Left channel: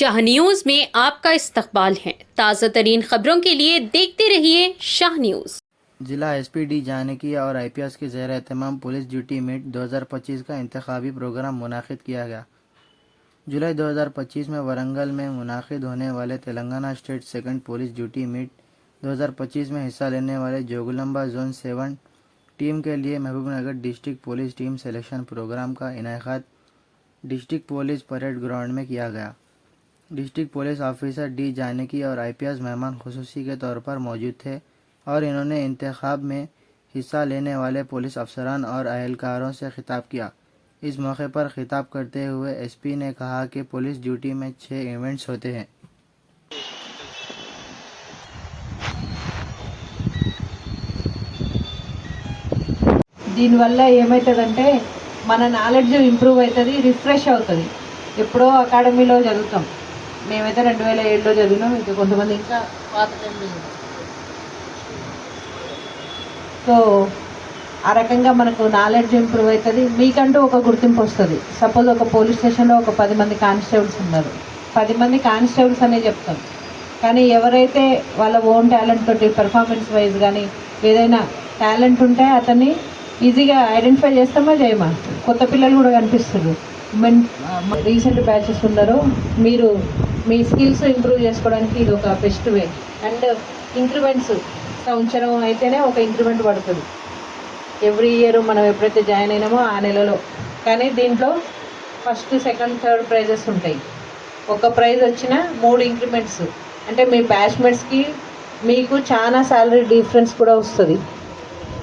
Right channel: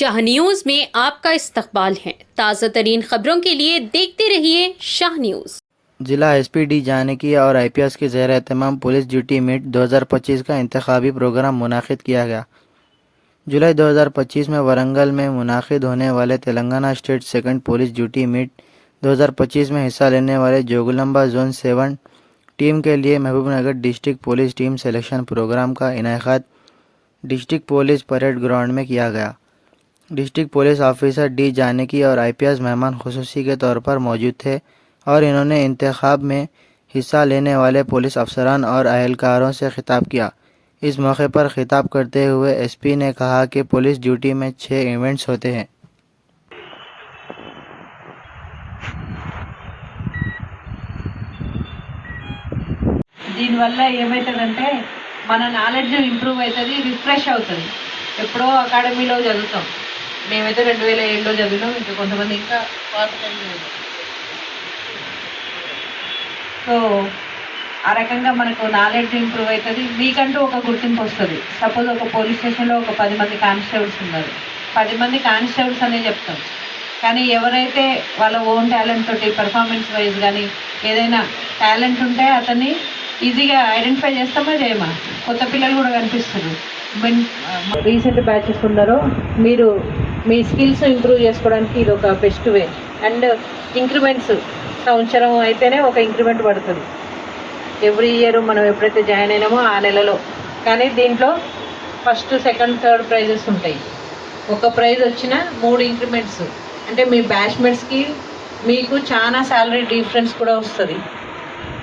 Shah news में आपका इस्तकबाल है। ताज़ा तरीन खबरों के लिए देखते रहिए शाह न्यूज। जिला एसपी डी जानकी और आईपीएस के ज़ेर एहतमाम पुलिस ड्यूटी मीट 2025 का इंतखाबी प्रोग्राम मुनाकिद किया गया। जुलाई 2025 में वरंगल में मुनाकिद होने वाले Telangana state second police duty meet 2025 में हिस्सा लेने वाले जोगुलंबा जोन 7 टीम के लिए Mahabubnagar district police team selection program का इनेकाद डिस्ट्रिक्ट पुलिस परेड ग्राउंड में किया गया। District police officer D Janaki और आईपीएस मेहमान खुसूसी के तौर पर मौजूद थे और इन्होंने इंतखाब में हिस्सा लेने वाले पुलिस अफसरान और अहलकारों से खिताब किया। इस मौके पर खिताब करते हुए एसपी ने कहा कि पुलिस ड्यूटी में 6 इवेंट्स होते हैं। దీనివల్ల ఏమవుతుందంటే మన నాలెడ్జ్ ఇంప్రూవ్ అవుతుంది, రిఫ్రెష్ అవుతుంది. ఎప్పుడో అకాడమీలో చదువుతాం, మేమైతే 2007లో చదివినాం, ఇంకా కొంతమంది ఇంకా పాత. సో ఆ రకంగా మనకు నాలెడ్జ్ ఇంప్రూవ్ అవుతుంది, మీకంటూ ఒక గుర్తింపు వస్తుంది. సపోజ్ ఒక పోలీస్ స్టేషన్లో ఒక 10 మంది కానిస్టేబుల్స్ ఉన్నారు, 10 మంది కానిస్టేబుల్స్ అనే చెప్తాం, కానీ ఎవరైతే వాళ్ళ ఓన్ టాలెంట్ తోటి పర్ఫార్మెన్స్ వైజ్ కానీ ఏదైనా టాలెంట్ ఉంటే అతన్ని ఈజీగా ఐడెంటిఫై చేస్తామా చేయమా. కొత్త పిల్లలు కూడా కనిపిస్తారు. రీసెంట్ బ్యాచెస్ ఉన్నారో మీరు మీ స్కిల్స్ ఇంప్రూవ్ చేసుకోవడానికి ఇది ఒక బెస్ట్ వే. అండ్ ఇంక్రిమెంట్స్ సంవత్సరం అయితేనే ఒక ఇంక్రిమెంట్ పడుతుంది. ఎవ్రీ ఇయర్ మనం ఎప్పుడైతే జాయిన్ అయినామో ఆ నెలలో. కానీ దీంట్లో ఫస్ట్, సెకండ్, థర్డ్ ప్రైజెస్ ఉంటాయి. ఒక ప్రైజ్ వచ్చిన 3 ఇంక్రిమెంట్స్ అంటే మీ బ్యాచ్మెంట్స్కి మీకు చాలా శాలరీ డిఫరెన్స్ కూడా వస్తుంది.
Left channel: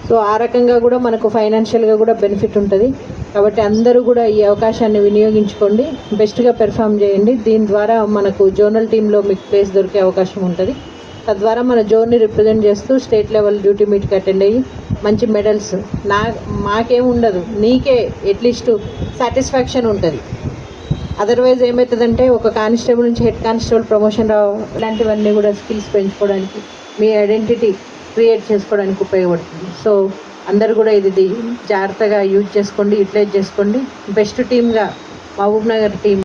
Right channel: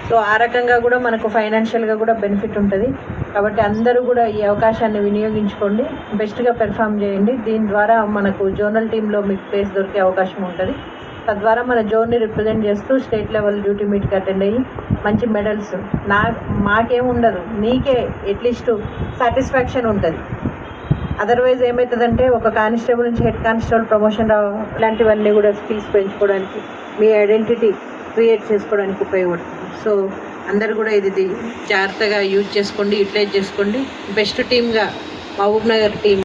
సో ఆ రకంగా కూడా మనకు ఫైనాన్షియల్గా కూడా బెనిఫిట్ ఉంటుంది. కాబట్టి అందరూ కూడా ఈ అవకాశాన్ని వినియోగించుకోండి, బెస్ట్గా పెర్ఫామ్ చేయండి. దీని ద్వారా మనకు జోనల్ టీంలో మీకు ప్లేస్ దొరికే అవకాశం ఉంటుంది. తద్వారా మన జోన్ని రిప్రజెంట్ చేస్తూ స్టేట్ లెవెల్ డ్యూటీ మీట్కి అటెండ్ అయ్యి మంచి మెడల్స్ మాకేముండదు, నీకే అట్లీస్ట్ సాటిస్ఫాక్షన్ ఉంటుంది. అదర్వైజ్ ఏమవుతుందంటే ఒక కానిస్టేబుల్ నుంచి హెడ్ కానిస్టేబుల్ ప్రమోషన్ ఇలాంటివన్నీ కూడా స్కిల్స్ పెంచుకోవడానికి, మీ ఐడెంటిటీ క్రియేట్ చేసుకోవడానికి ఉపయోగపడుతుంది. సో అందరు కూడా ఇది జాగ్రత్తగా యూజ్ చేసుకోండి, యూటిలైజ్ చేసుకోండి. బెస్ట్ టీమ్గా మహబూబ్ నగర్ టీం